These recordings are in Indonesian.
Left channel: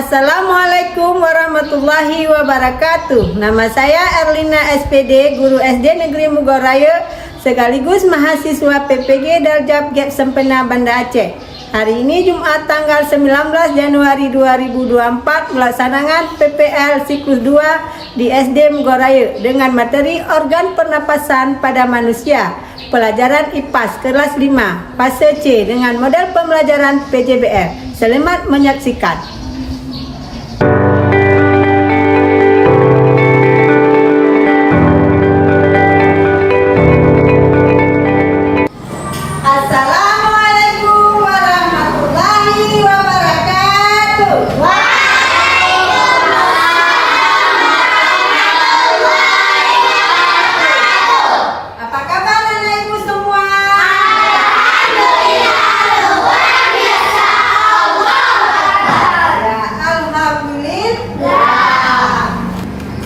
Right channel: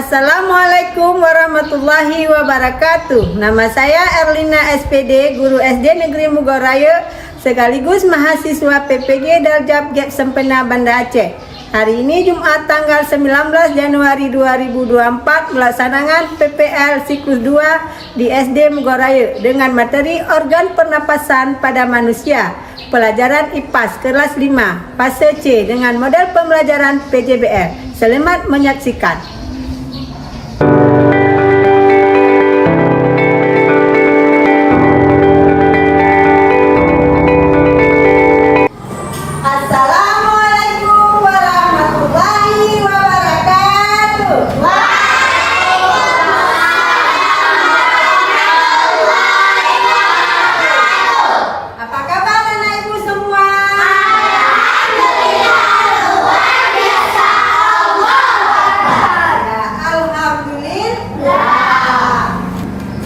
Assalamualaikum warahmatullahi wabarakatuh. Nama saya Erlina SPD, guru SD Negeri Mugoraya, sekaligus mahasiswa PPG Darjab Gap Sempena Banda Aceh. Hari ini Jumat tanggal 19 Januari 2024 melaksanakan PPL siklus 2 di SD Mugoraya dengan materi organ pernapasan pada manusia. Pelajaran IPAS kelas 5 fase C dengan model pembelajaran PJBL. Selamat menyaksikan.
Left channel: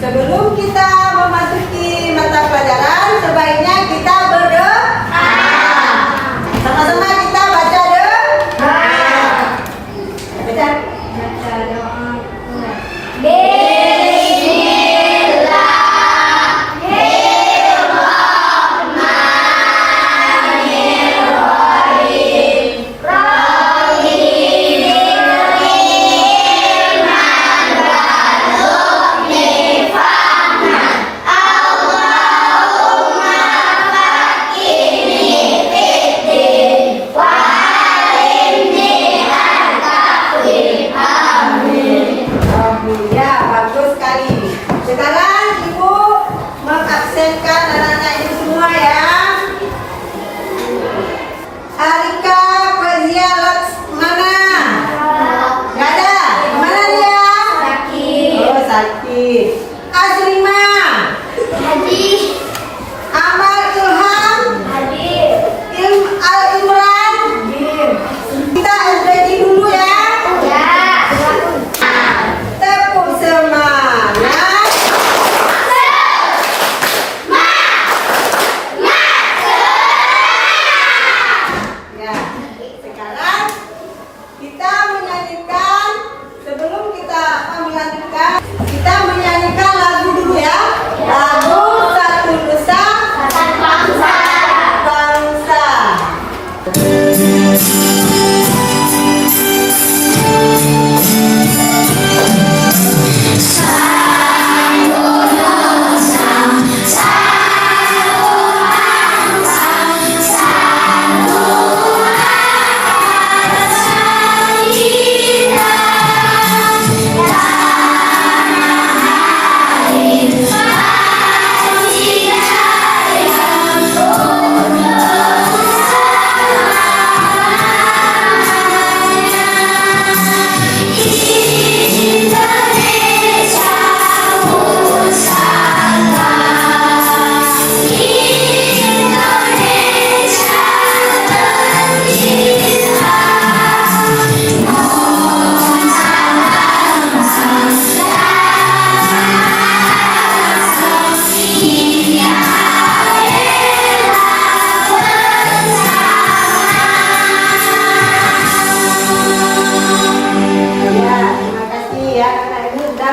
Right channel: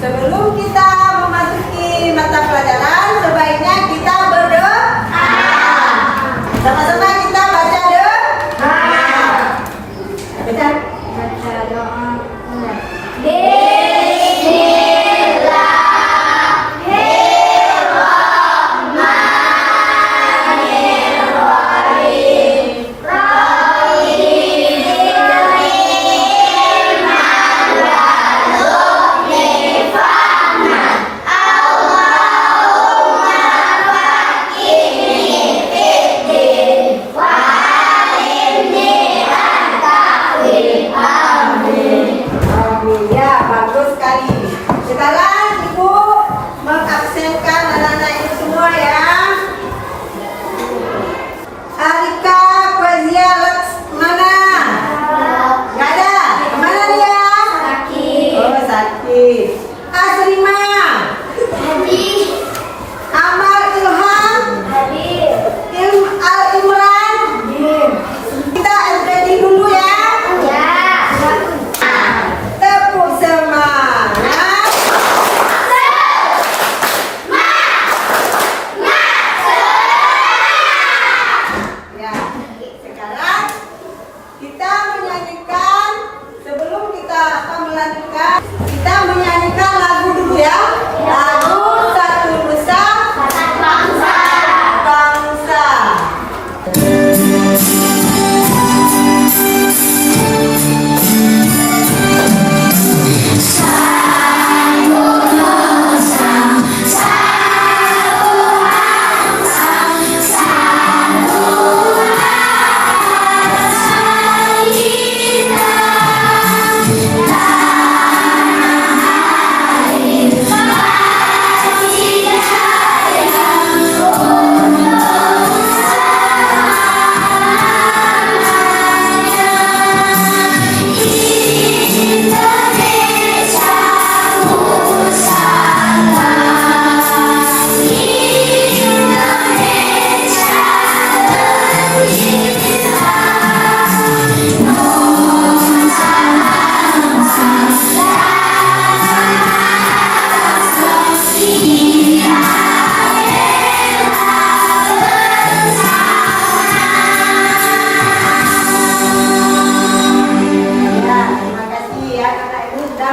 Sebelum kita memasuki mata pelajaran, sebaiknya kita berdoa. Sama-sama kita baca doa. Baca doa. Ya, bagus sekali. Sekarang Ibu mengabsenkan anak-anak itu semua ya. Arika Fazia mana? Gak ada. Kemana dia? Sakit. Oh, sakit. Azrima. Hadir. Amal Ilham. Hadir. Al Imran. Hadir. Kita SPD dulu ya. Kita menyanyikan lagu dulu ya. Lagu Satu Nusa Satu Bangsa.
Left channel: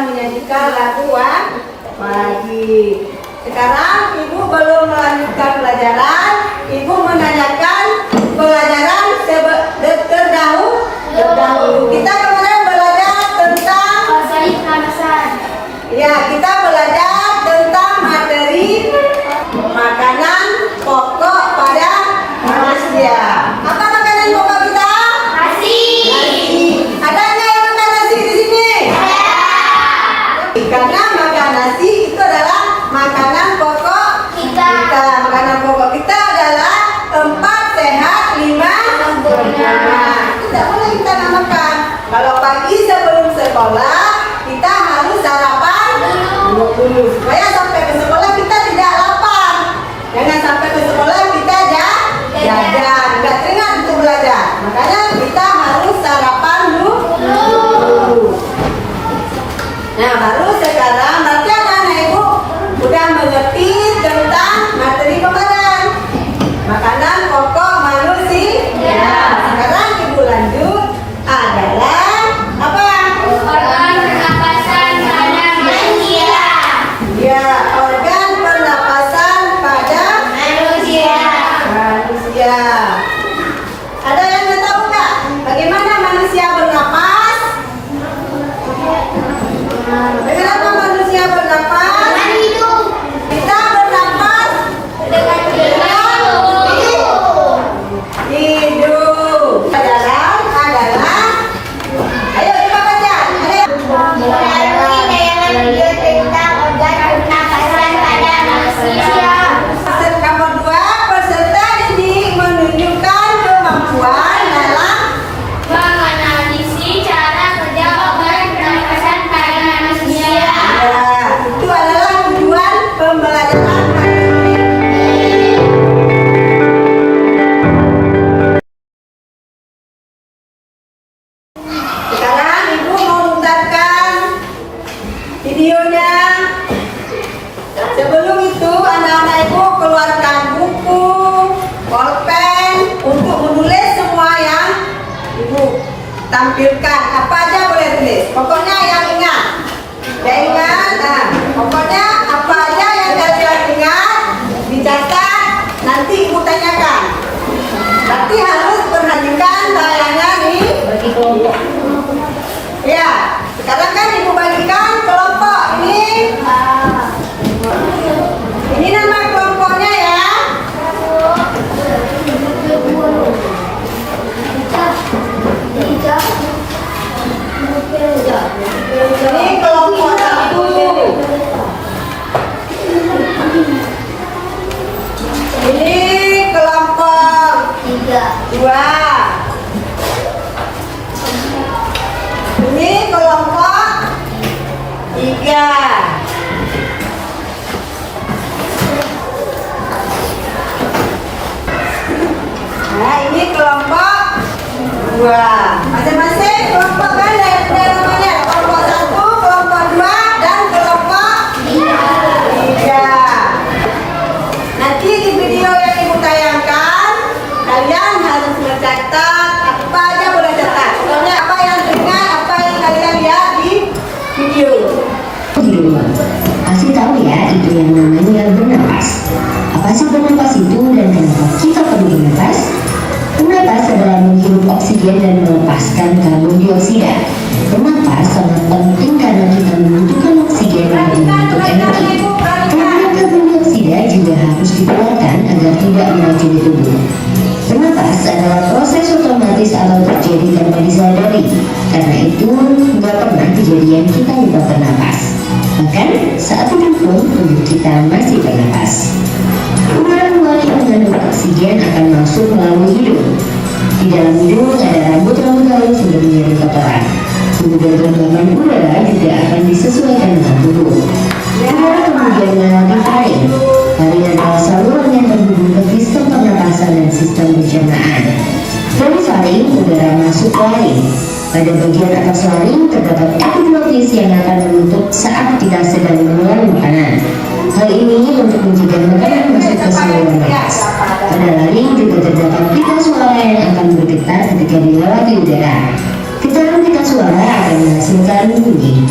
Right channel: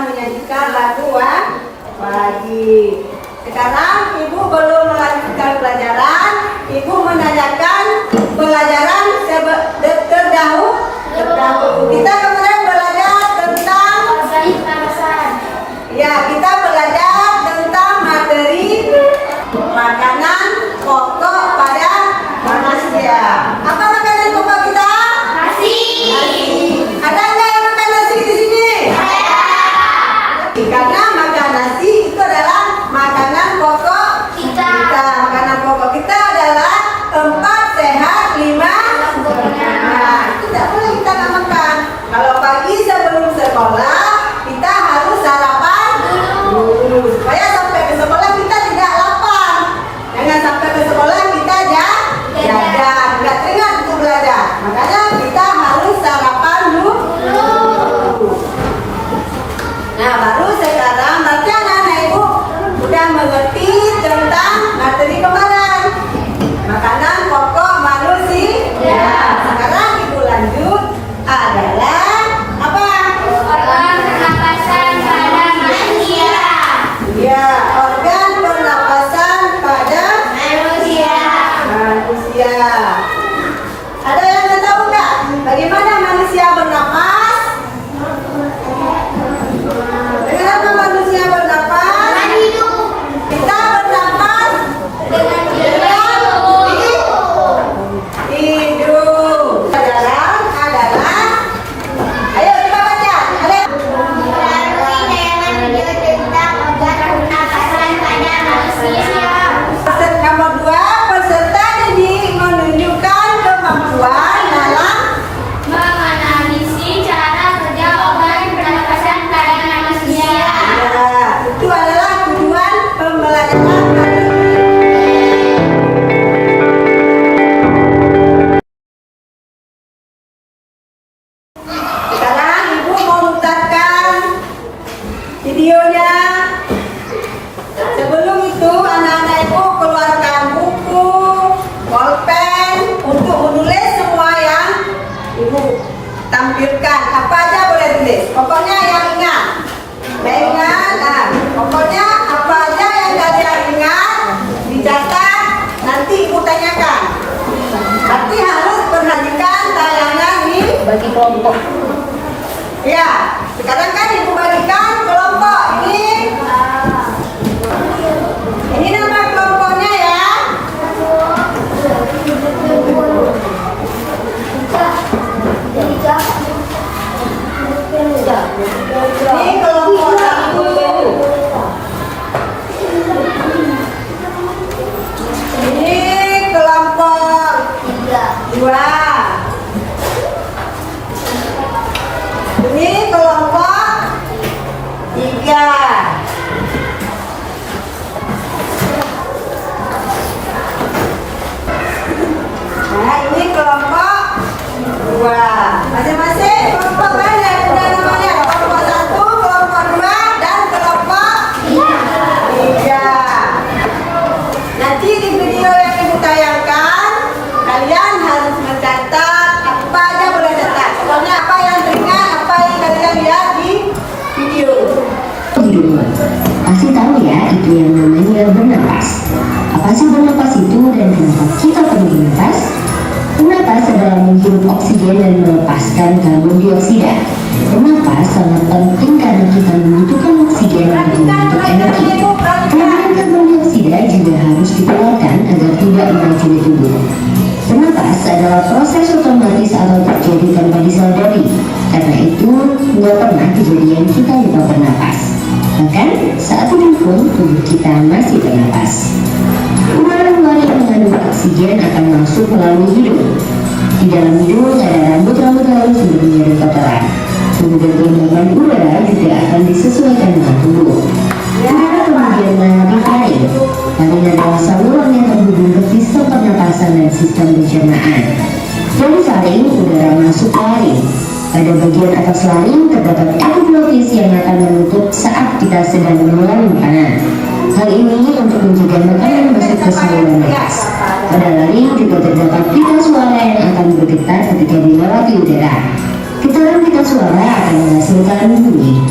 Menyanyikan lagu pagi. Sekarang Ibu belum melanjutkan pelajaran. Ibu menanyakan pelajaran terdahulu. Kita kemarin belajar tentang ya, kita belajar tentang materi makanan pokok pada manusia. Apa makanan pokok kita? Nasi. Ada nggak yang makan nasi di sini? Karena makan nasi itu adalah makanan pokok kita. Makanan pokok kita adalah 4 sehat 5 sempurna. Tidak boleh kita nggak makan. Kalau pagi sebelum sekolah kita harus sarapan dulu supaya sampai ke sekolah kita tidak lapar. Jangan sampai ke sekolah kita jajan, nggak teringat untuk belajar. Makanya kita harus sarapan dulu. Nah, baru sekarang berarti anak-anak Ibu udah mengerti tentang materi kemarin. Makanan pokok manusia. Sekarang Ibu lanjut adalah apa? Ada yang nggak tahu nggak? Bagaimana manusia bernapas? Bagaimana manusia bernapas? Kita bernapas dengan hidung. Adalah. Ayo kita baca. Nomor 2, peserta didik menunjukkan kemampuan dalam menganalisis cara kerja organ pernapasan pada manusia. ya, itu adalah tujuan pembelajaran. Sekarang ibu mau putarkan videonya. Sebelum itu anak-anak ibu keluarkan buku, bolpen untuk menulis semua yang ibu tampilkan. Apa aja boleh tulis. Pokoknya yang ingat. Yang ingat. Nah, pokoknya apa aja yang kalian ingat dicatat. Nanti ibu tanyakan. Nanti harus perhatikan tayangan ini. Bagi kelompok. Ya, sekarang kan ibu bagikan kelompok ini. Ini nama kelompoknya ya. Ini kelompok 1. Ini kelompok 2. Ini kelompok 3. Nah, ini kelompok 2. Masing-masing kelompok kan ada namanya. Kelompok 1, kelompok 2, dan kelompok 3. Nanti di video yang ibu tayangkan, kalian harus mencatat apa aja boleh catat. Pokoknya apa yang teringat, apa yang kalian lihat di video. Pasti tahu ya itu yang namanya bernapas. Apa sih bernapas itu dan kenapa kita perlu bernapas? Bernapas adalah menghirup oksigen dan melepaskan karbon dioksida. Bernapas sangat penting karena kita membutuhkan oksigen untuk membentuk energi. Karbon karbon dioksida juga harus dikeluarkan agar tidak meracuni tubuh. Bernapas adalah proses otomatis atau terjadi tanpa disadari. Karena itu nggak pernah kejadian kita lupa bernapas. Bahkan saat tidur pun tubuh kita masih bernapas. Udara-udara yang mengandung oksigen akan masuk melalui hidung. Di dalam hidung ada rambut-rambut halus yang menjadi kotoran. Suhu dan genggaman udara juga akan disesuaikan dengan tubuh. Udara kemudian melewati faring. Faring adalah saluran yang terhubung ke sistem pernapasan dan sistem pencernaan. Dari faring, udara masuk ke laring. Pada bagian atas laring terdapat epiglottis yang akan menutup saat kita sedang mengeluarkan makanan. Hal ini untuk mencegah makanan masuk ke saluran nafas. Pada laring juga terdapat pita suara yang akan bergetar ketika dilewati udara. Getaran pita suara akan menghasilkan bunyi.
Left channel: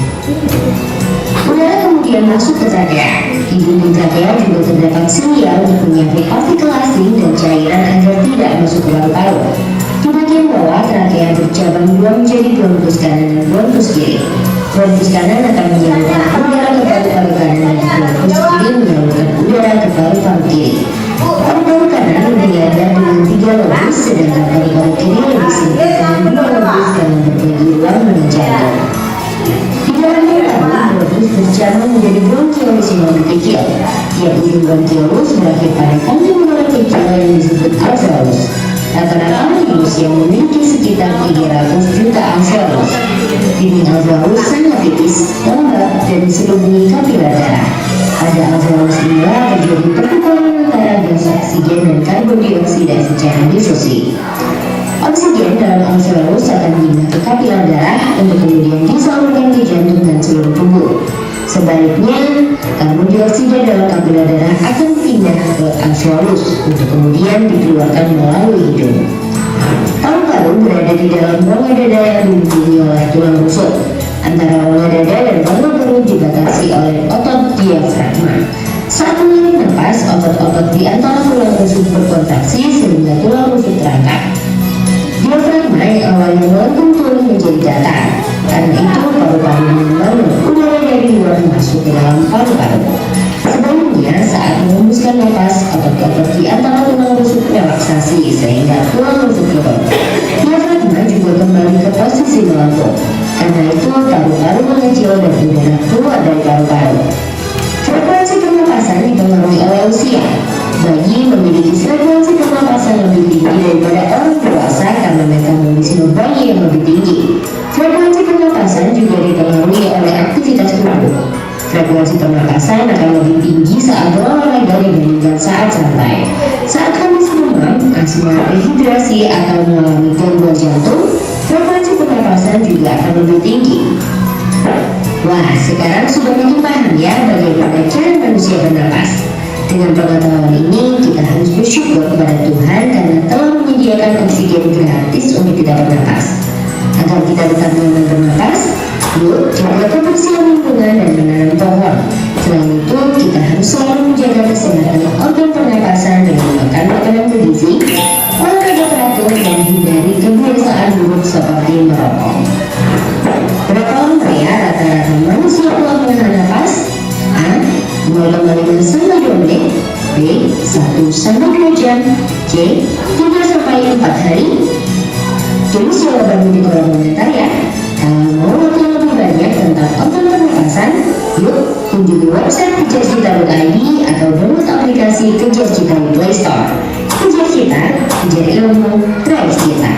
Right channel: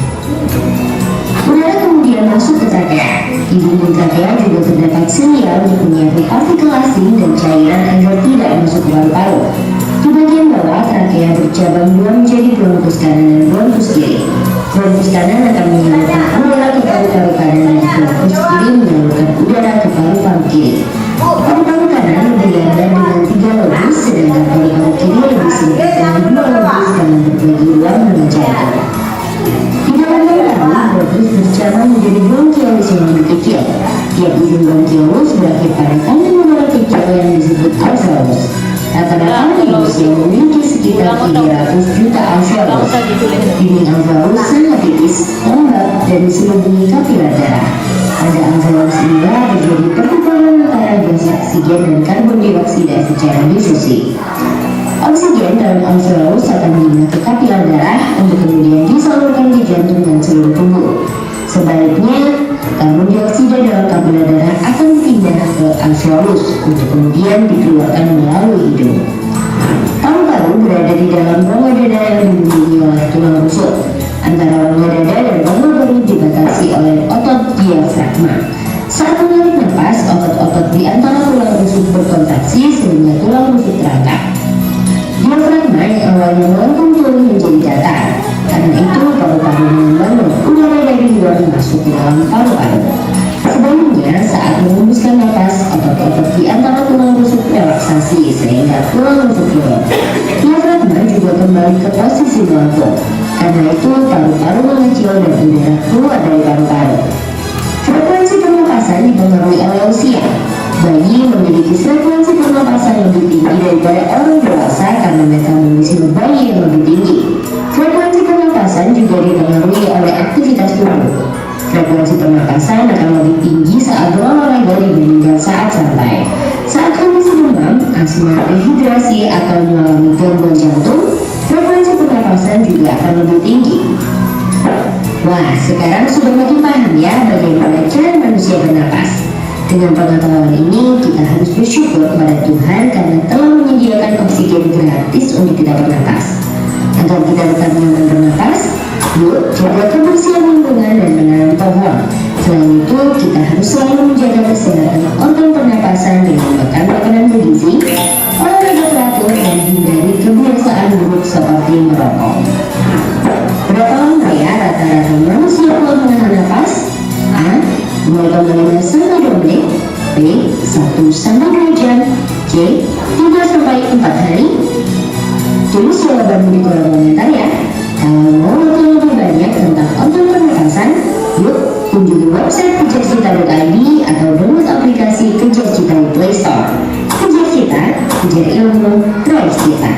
Udara kemudian masuk ke trachea. Di dinding trachea juga terdapat selia untuk menyaring partikel asing dan cairan agar tidak masuk ke paru-paru. Di bagian bawah, trachea bercabang dua menjadi bronkus kanan dan bronkus kiri. Bronkus kanan akan menyalurkan udara ke paru-paru kanan dan bronkus kiri menyalurkan udara ke paru-paru kiri. Paru-paru kanan lebih lebar dengan 3 lobus, sedangkan paru-paru kiri lebih sempit dengan 2 lobus karena berbagi ruang dengan jantung. Di dalam paru, bronkus bercabang menjadi bronkiolus yang lebih kecil. Tiap ujung bronkiolus berakhir pada kantung udara kecil yang disebut alveolus. Rata-rata manusia memiliki sekitar 300 juta alveolus. Dinding alveolus sangat tipis, lembab, dan diselubungi kapiler darah. Pada alveolus inilah terjadi pertukaran antara gas oksigen dan karbon dioksida secara difusi. Oksigen dalam alveolus akan pindah ke kapiler darah untuk kemudian disalurkan ke jantung dan seluruh tubuh. Sebaliknya, karbon dioksida dalam kapiler darah akan pindah ke alveolus untuk kemudian dikeluarkan melalui hidung. Paru-paru berada di dalam rongga dada yang dilindungi oleh tulang rusuk. Antara rongga dada dan rongga perut dibatasi oleh otot diafragma. Saat menarik napas, otot-otot di antara tulang rusuk berkontraksi sehingga tulang rusuk terangkat. Diafragma yang awalnya melengkung turun menjadi datar. Karena itu paru-paru membangun udara dari luar masuk ke dalam paru-paru. Sebaliknya, saat menghembuskan napas, otot-otot di antara tulang rusuk relaksasi sehingga tulang rusuk turun. Diafragma juga kembali ke posisi melengkung. Karena itu paru-paru mengecil dan udara keluar dari paru-paru. Frekuensi pernapasan dipengaruhi oleh usia. Bayi memiliki frekuensi pernapasan lebih tinggi daripada orang dewasa karena metabolisme bayi yang lebih tinggi. Frekuensi pernapasan juga dipengaruhi oleh aktivitas tubuh. Frekuensi pernapasan akan lebih tinggi saat berolahraga dibandingkan saat santai. Saat kondisi demam, asma, dehidrasi atau mengalami gangguan jantung, frekuensi pernapasan juga akan lebih tinggi. Wah, sekarang sudah makin paham ya bagaimana cara manusia bernapas. Dengan pengetahuan ini, kita harus bersyukur kepada Tuhan karena telah menyediakan oksigen gratis untuk kita bernapas. Agar kita tetap nyaman bernapas, yuk jaga kebersihan lingkungan dan menanam pohon. Selain itu, kita harus selalu menjaga kesehatan organ pernapasan dengan makan makanan bergizi, olahraga teratur, dan hindari kebiasaan buruk seperti merokok. Berapa lama ya rata-rata manusia kuat menahan napas? A. 0,5 sampai 2 menit. B. 1 sampai 2 jam. C. 3 sampai 4 hari. Tulis jawabanmu di kolom komentar ya. Kalau mau tahu lebih banyak tentang organ pernapasan, yuk kunjungi website kejarcita.id atau download aplikasi Kejar Cita di Play Store. Kejar Cita, kejar ilmu, raih cita.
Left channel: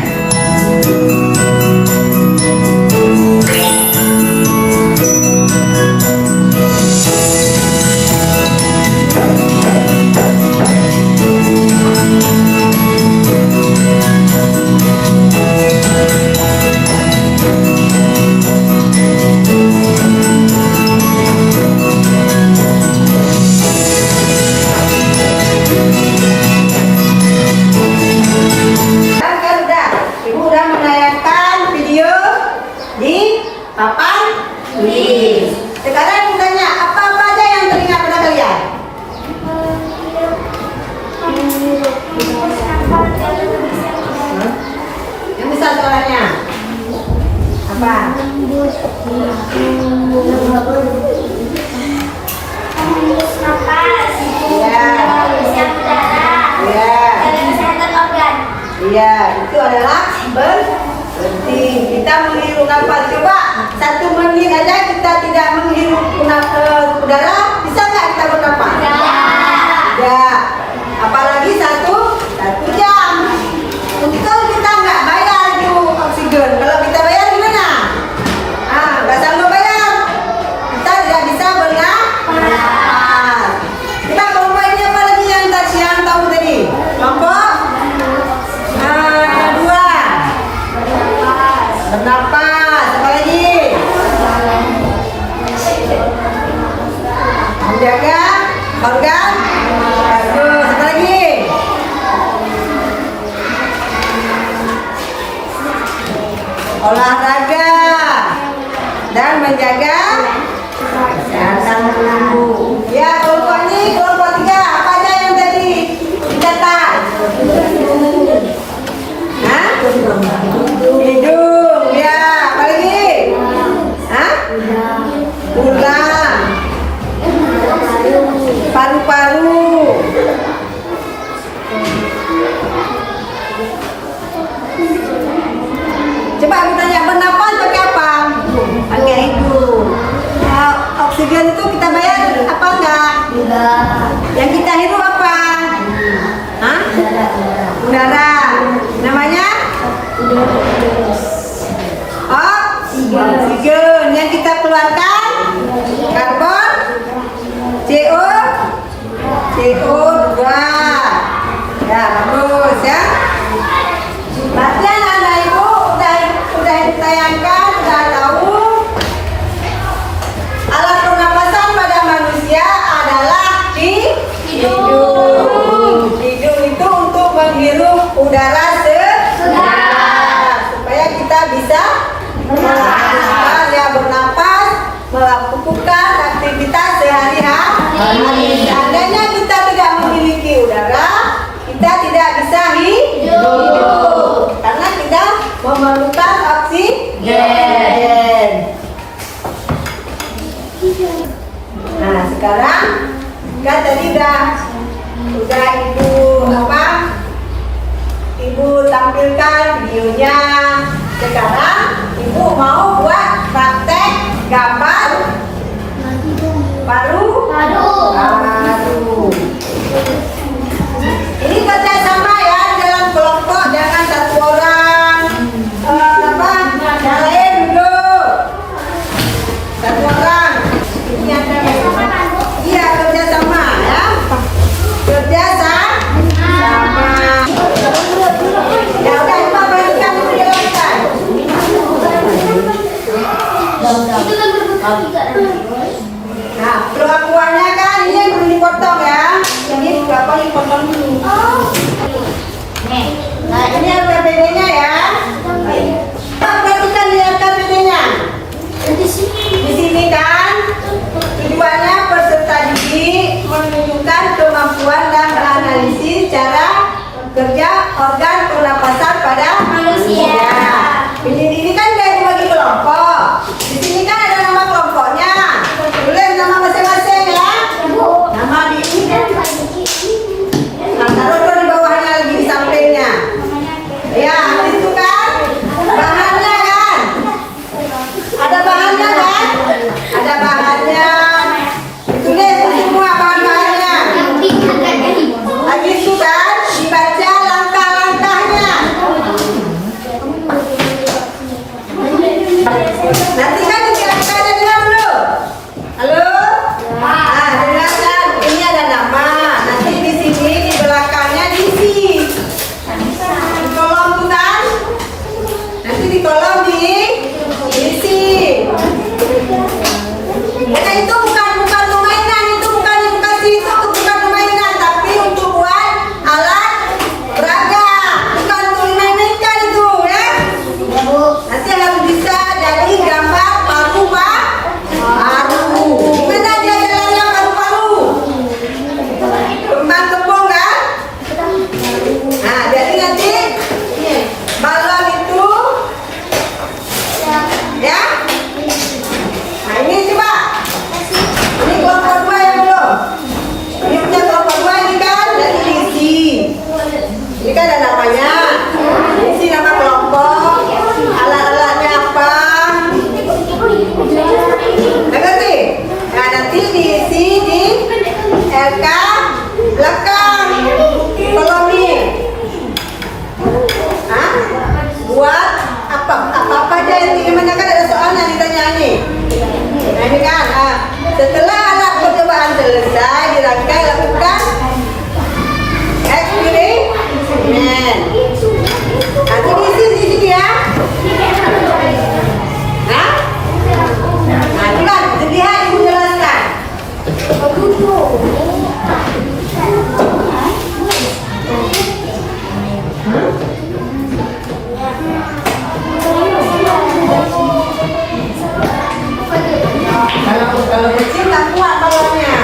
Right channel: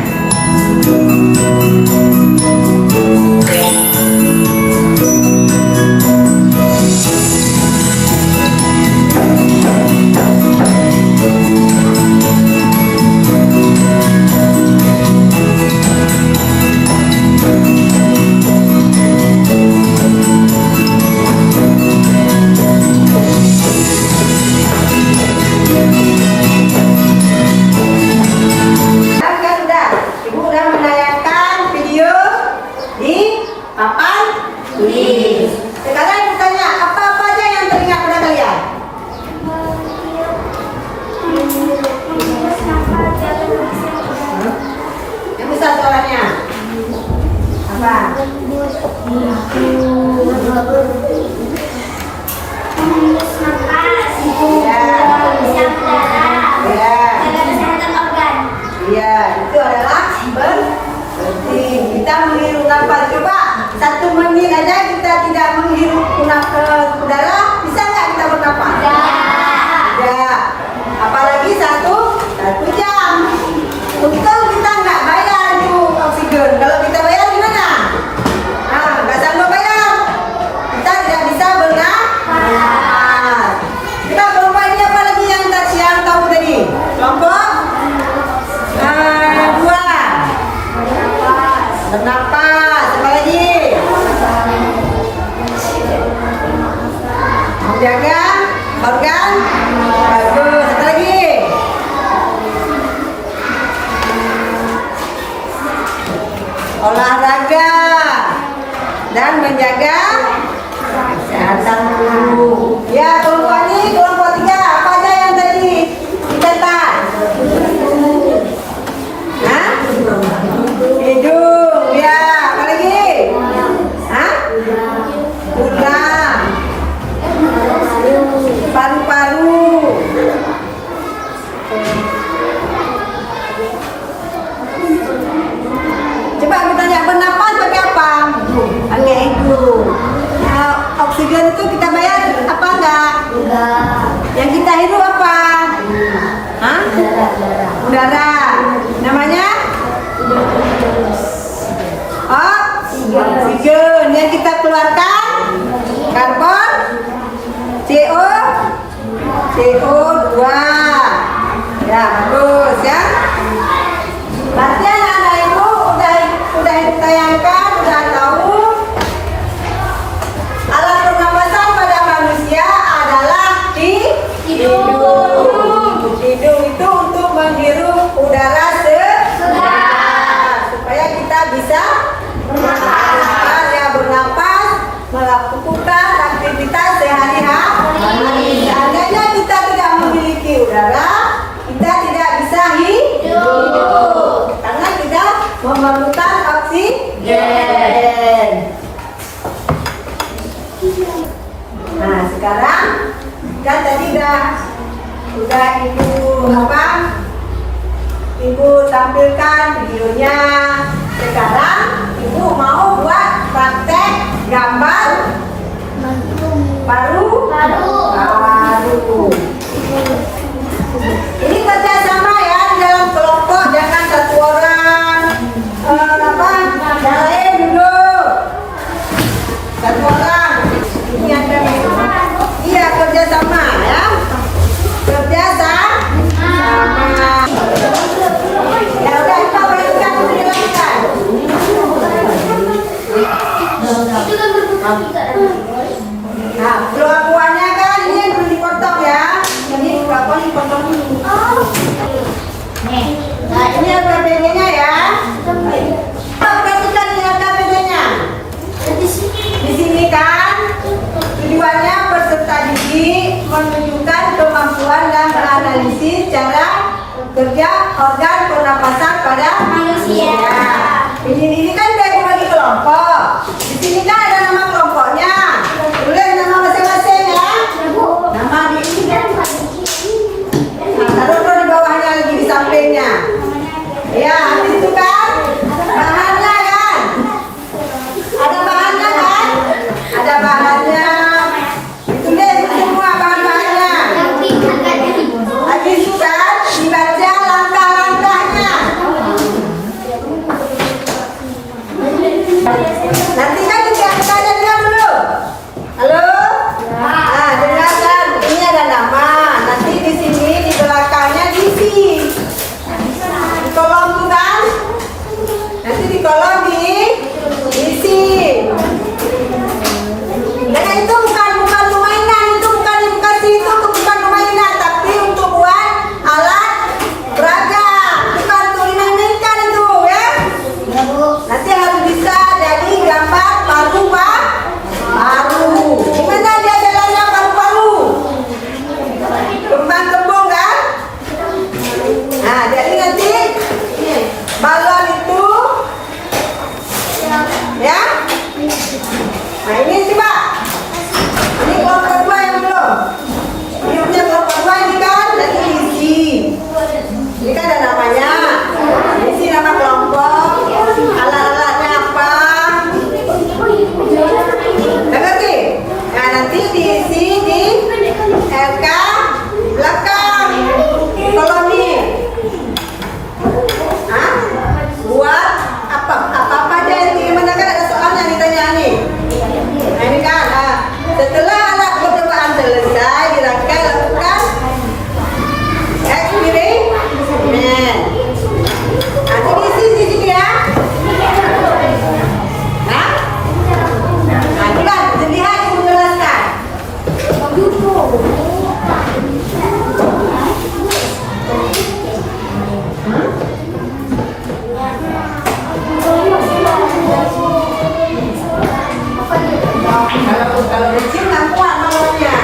Sekarang tanya apa aja yang teringat pada kalian? Yang besar suaranya apa? Iya, itu adalah penting. Kita menghirup nafas. Coba 1 menit aja kita tidak menghirup udara, bisa nggak kita bernafas? Ya. Apalagi satu jam. Untung kita nggak bayar itu oksigen. Kalau kita bayar gimana? Nggak sanggup bayar. Kita tidak bisa bernafas. Kita kelompok ini apa lagi yang tahu tadi? Kelompok 2. Bernapas. Apa lagi? Menjaga organ. Bagus. Apa lagi? Olahraga dan menjaga kesehatan tubuh. Ya, kelompok ini kelompok 3. Apa aja yang tadi dicatat? Hidung, ya. Apa lagi? Tulang, paru-paru. Coba aku tanya, bernapas pakai apa? Pakai hidung. Oksigen itu kita bayar apa enggak? Enggak. Yang kita hirup apa? Udara. Namanya? Oksigen. Yang kita keluarkan? Karbon? CO2. Ya, bagus ya. Berarti anak-anak ibu udah ditayangkan, udah tahu alat pernapasan pada manusia adalah hidung. Hidung itu untuk menghirup udara segar supaya kita bisa melakukan aktivitas sehari-hari. Seandainya kita tidak memiliki udara, kita tidak bisa hidup karena kita Gen. Nah sekarang kan tadi udah ibu tampilkan videonya. Sekarang ibu mau buat praktek gambar baru. Ini kerja sama ya dalam kelompok, jangan satu orang. Yang lain dulu. Satu orang. Ini ada iya kerja sama ya. Kerja sama. Ya udah Ima berikan penjelasan. Nah, perlakuannya kan ini yang belum dipotong ya. Ini potong dipotong dulu. Nah, ini yang PPD-nya ya. Perhatikan lihat KTP-nya. Di sini kan tujuannya peserta didik menunjukkan kemampuan dan analisis cara kerja organ pernapasan pada manusia. Ini kan udah dibagi kelompok. Di sini kan ada nama kelompoknya. Tulis nama masing-masing ya. Nama di sini. Nah, taruh di bawahnya lagi di sampingnya. Ya, itu kan bahannya kan. Ada bahannya kan? Ada bahannya. Ditulis semua bahan-bahannya. Lagi itu kan dibaca langkah-langkahnya. Nanti kan kita dengar dulu. Halo? Nah, dengarkan. Ini ada nama. Nanti di sini di belakangnya diisi. Di kolom tuh kan? Nanti di kolom diisi. Nah itu bukan permainan, itu bukan permainan, tapi untuk buat alat peraga, bukan untuk main-mainkan itu ya. Nanti harus bisa jadi gambar paru-paru. Gimana dia jalannya paru-paru? Kembang-kembang kan? Nah jadi nanti balon itu ya. Nah ini coba. Ini kelompok 2 yang belum. Ini punya kelompok 2 ini kan dari diisi. Ini kan ada namanya. Isi nama kelompok. Alat-alatnya apa? Ngerti? Nah nanti diisi di LK belakang kolom ini. Hah? Buat apa aja yang gimana kan ada soalnya ditanya nih. Nah ini kan. Setelah alat percobaan selesai dirangkai lakukan eksperimen. Nanti diisi di sini ya. Nah, itulah dilihat menjelaskan. Kalau kecil nggak kuat balonnya.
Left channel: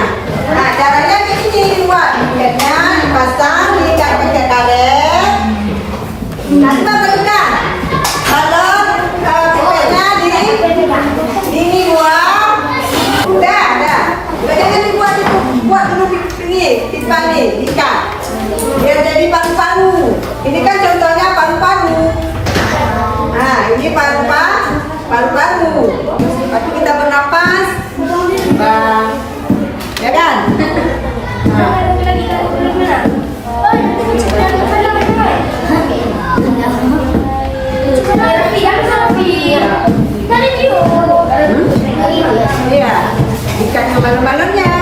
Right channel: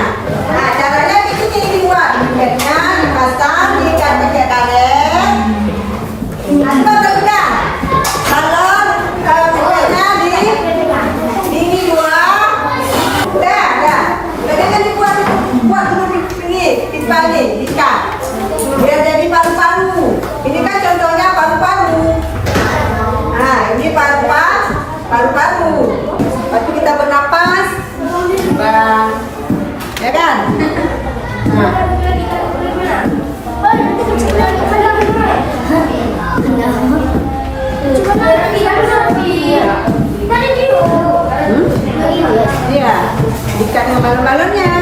Nah caranya begini dibuat. Tiketnya dipasang diikat pakai karet. Nah coba berikan. Balon tiketnya di ini 2. Udah. Jangan dibuat itu. Buat dulu ini pipa ini ikat. Biar jadi paru-paru. Ini kan contohnya paru-paru. Nah ini paru-paru. Waktu kita bernapas, bang, ya kan? Nah. Iya, ikat dengan balon-balonnya.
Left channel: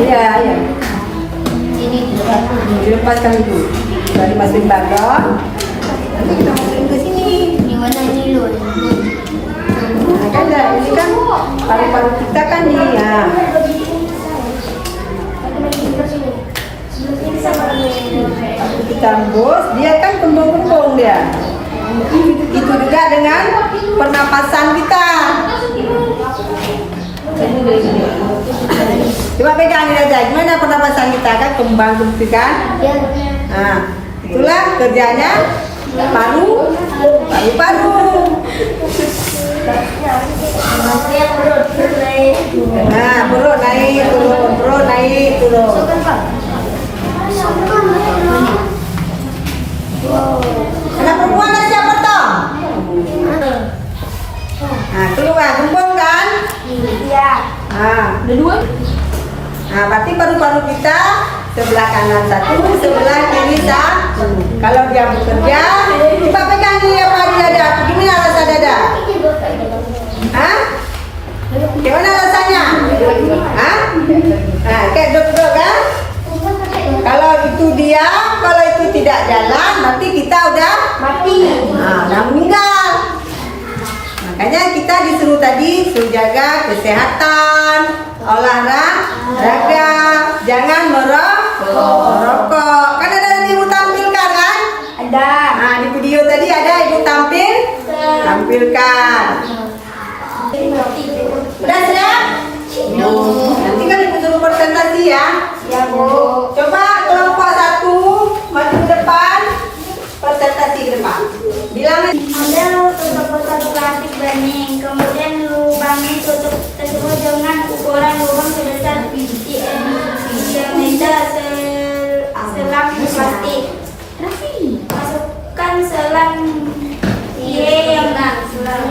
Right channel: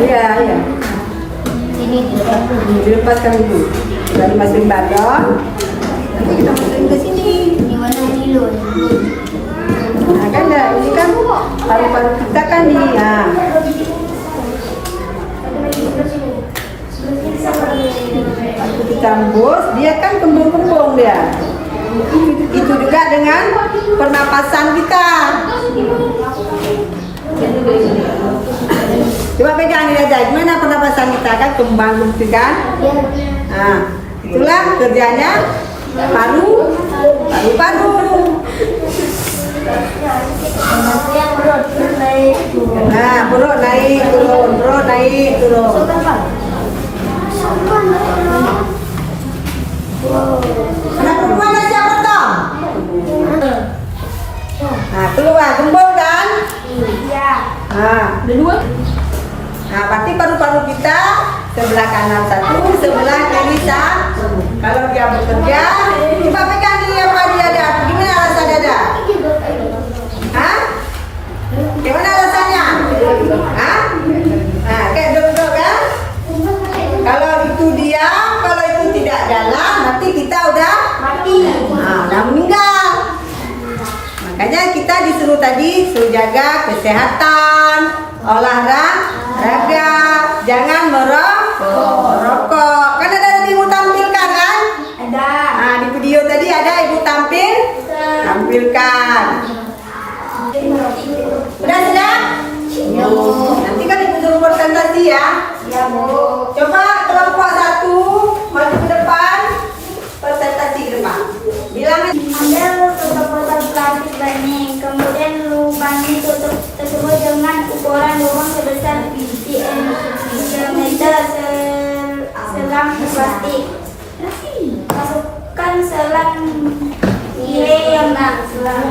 Iya. Ini Dilepaskan dulu. Sudah dimasukin balon. Nanti kita masukin ke sini. di mana ini loh. Nah kan ini kan paru-paru kita kan nih ya. Waktu kita embus, dia kan kembung-kembung dia. Itu juga dengan pernapasan kita. Coba pegang ini aja, gimana pernapasan kita kan kembang gitu kan? Nah, itulah kerjanya paru. Nah, perut naik turun. Anak perempuan ada siapa toh? Nah, keluar gembul kan? Iya. Nah, Ada 2. nah, berarti paru-paru kita sebelah kanan satu, sebelah kiri satu. Kalau dia bekerja, coba pegang ini apa dia ada? Gimana rasa dada? Hah? Gimana rasanya? Hah? Nah, kayak duduk kan? Kalau itu dia, kalau itu tidak jalan, berarti kita udah Mati. nah, udah meninggal. Makanya kita disuruh tadi suruh jaga kesehatan, olahraga, jangan merokok. Kan ada ibu tampilkan kan? Ada. Nah, di video tadi ada ibu tampilkan. Udah sudah? Nanti kan ibu suruh presentasi ya. Ya, Bu. Coba kelompok 1 maju ke depan, presentasi ke depan. Bilang Ambil tutup botol plastik bening, kemudian lubangi tutup tersebut dengan ukuran lubang sebesar cm selang plastik. Masukkan selang yang selang.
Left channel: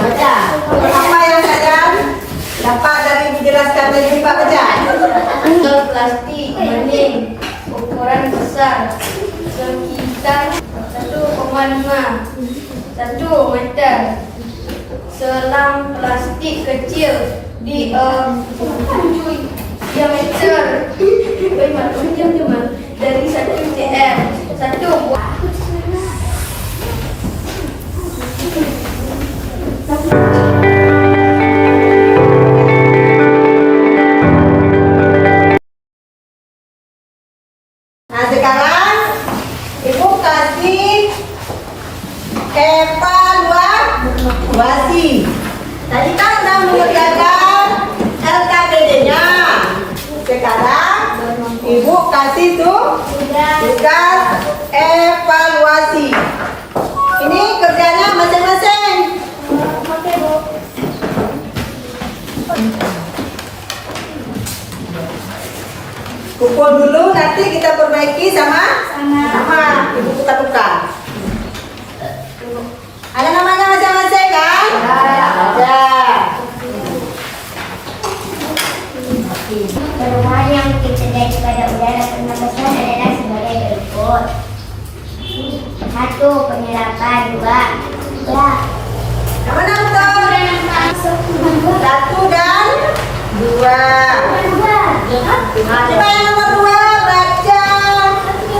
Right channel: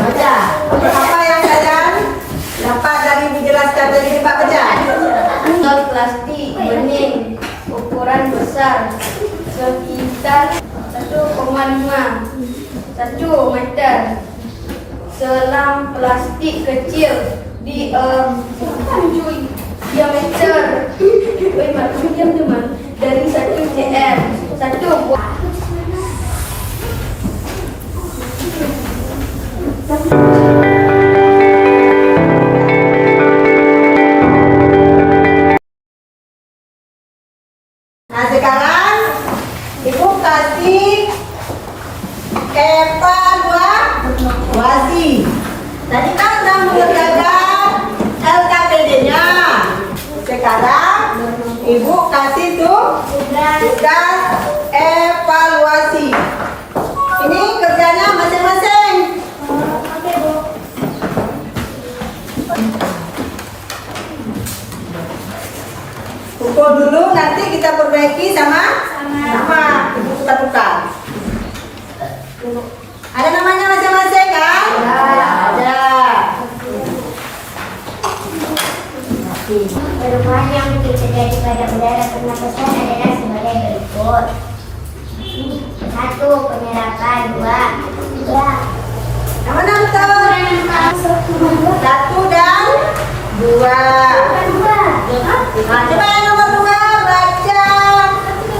baca. Apa yang kalian dapat dari dijelaskan tadi Pak baca? Botol plastik bening ukuran besar sekitar 1,5 meter. Selang plastik kecil diameter dari 1 cm. 1 buah. Nah sekarang ibu kasih evaluasi. Tadi kan sudah mengerjakan LKPD-nya. Sekarang ibu kasih tuh tugas evaluasi. Ini kerjanya masing-masing. Oke, Bu. Pukul dulu nanti kita perbaiki sama ibu tukar-tukar. Ada namanya masing-masing kan? Ada. Perubahan yang mungkin terjadi pada udara pernapasan adalah sebagai berikut. 1. Penyerapan. 2. Yang mana betul? 1 dan 2. Nah, coba yang nomor 2 baca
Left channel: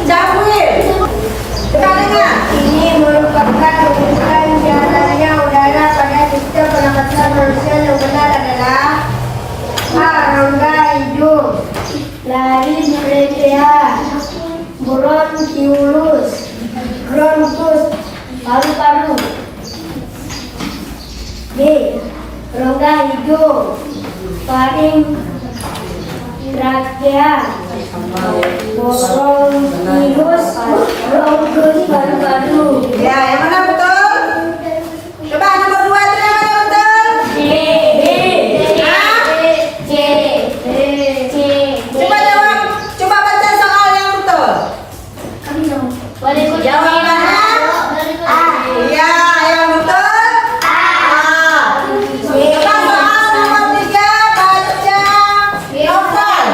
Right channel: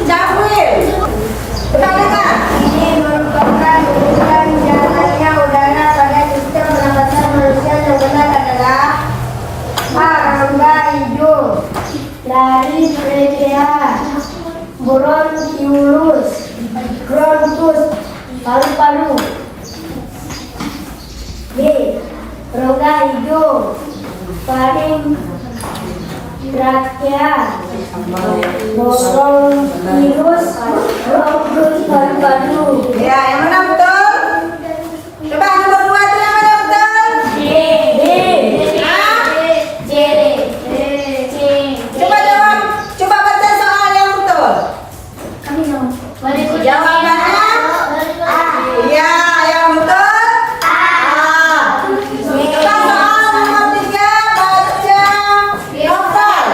Jamil. Coba dengar. Ini merupakan ukuran jalannya udara pada sistem pernapasan manusia yang benar adalah A. Rongga hidung, laring trachea, bronkiolus, bronkus, paru-paru. B. Rongga hidung, faring, trakea, bronkiolus, bronkus, paru-paru. Ya, yang mana betul? Coba nomor 2 itu yang mana betul? Coba jawab. Coba baca soal yang betul. Jawabannya iya, yang betul Coba soal nomor 3 baca novel.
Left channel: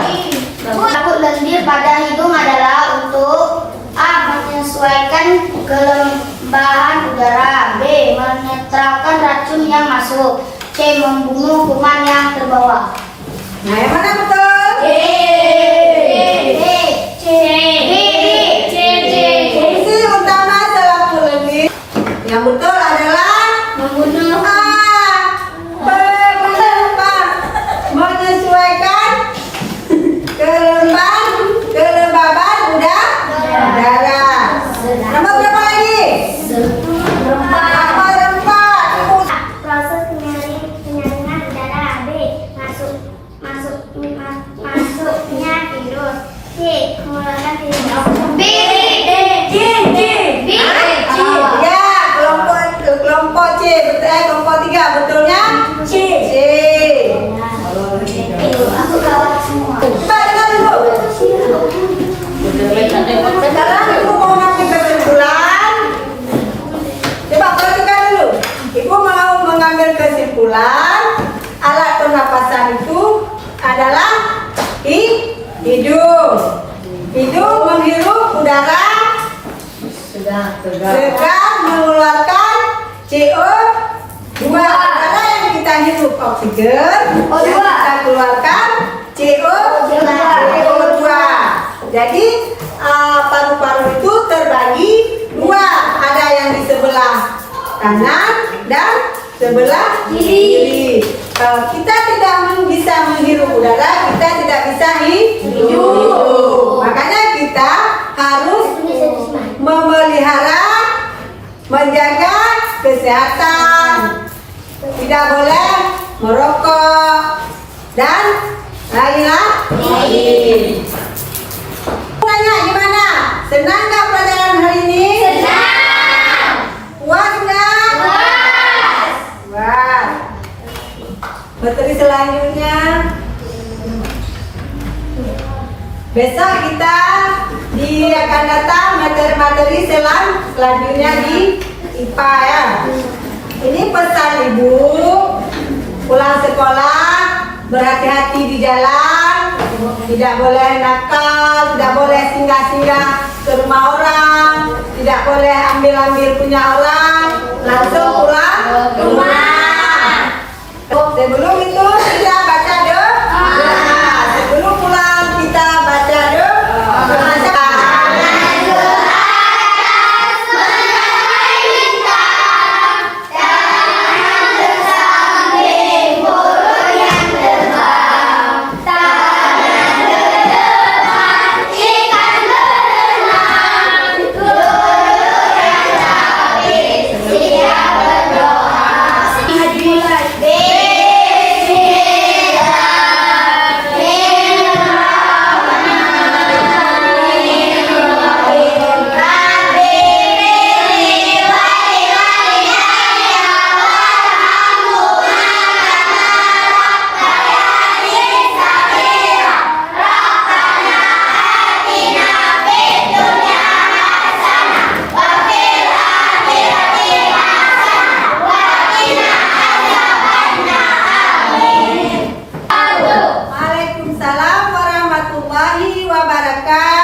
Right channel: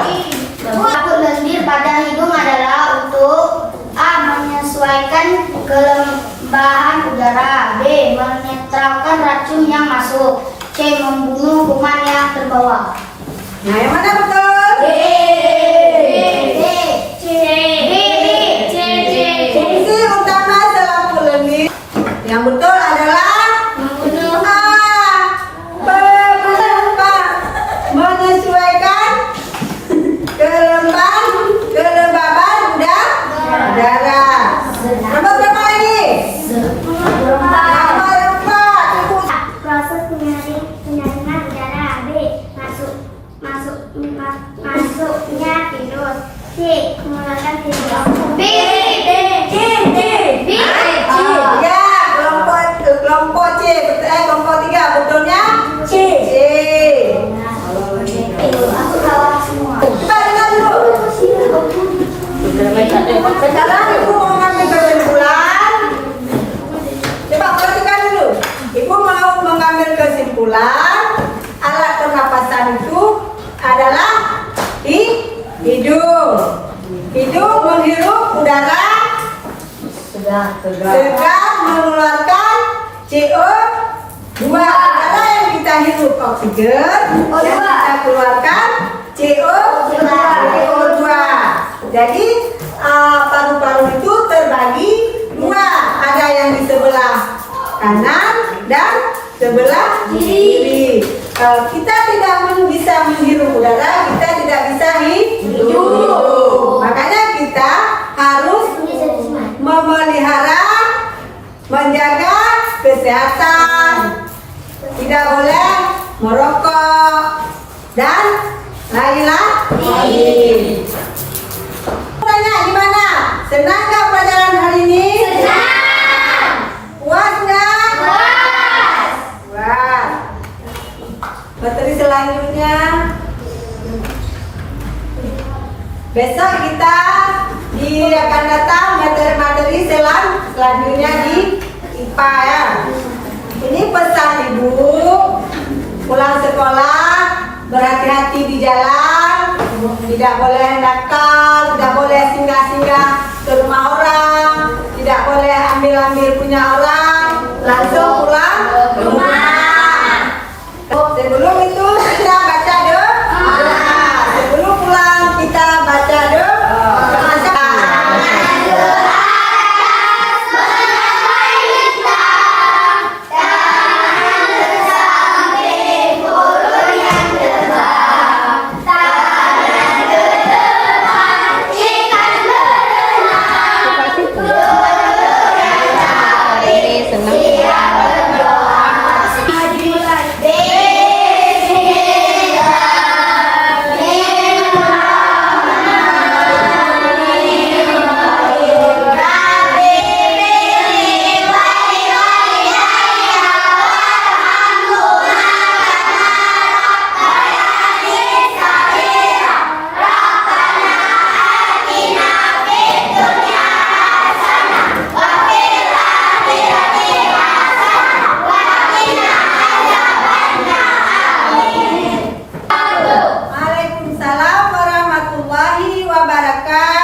Takut lendir pada hidung adalah untuk A. Menyesuaikan kelembahan udara, B. Menetralkan racun yang masuk, C. Membunuh kuman yang terbawa. Nah, yang mana betul? Fungsi utama selaput lendir yang betul adalah Membunuh. menyesuaikan virus. C. Mengeluarkan virus. B. Ya, kelompok C. Betul, kelompok 3. Betulnya C. Aku kalah semua. Coba dengar dulu. Sekarang ibu mau mengambil kesimpulan. Coba perhatikan dulu. Ibu mau mengambil kesimpulan. Alat pernapasan itu adalah hidung. Hidung menghirup udara segar mengeluarkan CO2. Udara yang kita hirup oksigen, yang kita keluarkan CO2. Jadi paru-paru itu terbagi dua, ada yang di sebelah kanan dan sebelah kiri. Kita tidak bisa menghirup udara, kita tidak bisa hidup. Makanya kita harus memelihara, menjaga kesehatan, tidak boleh merokok dan lain-lain. Tanya gimana? Senang nggak pelajaran hari ini? Senang. Puas nggak? Puas. Materi selanjutnya besok kita akan datang materi-materi selanjutnya di IPA ya. Ini pesan ibu, pulang sekolah berhati-hati di jalan, tidak boleh nakal, tidak boleh singgah-singgah ke rumah orang, tidak boleh ambil-ambil punya orang, langsung pulang ke rumah. Sebelum itu kita baca doa. Sebelum pulang kita baca doa. Waalaikumsalam warahmatullahi wabarakatuh.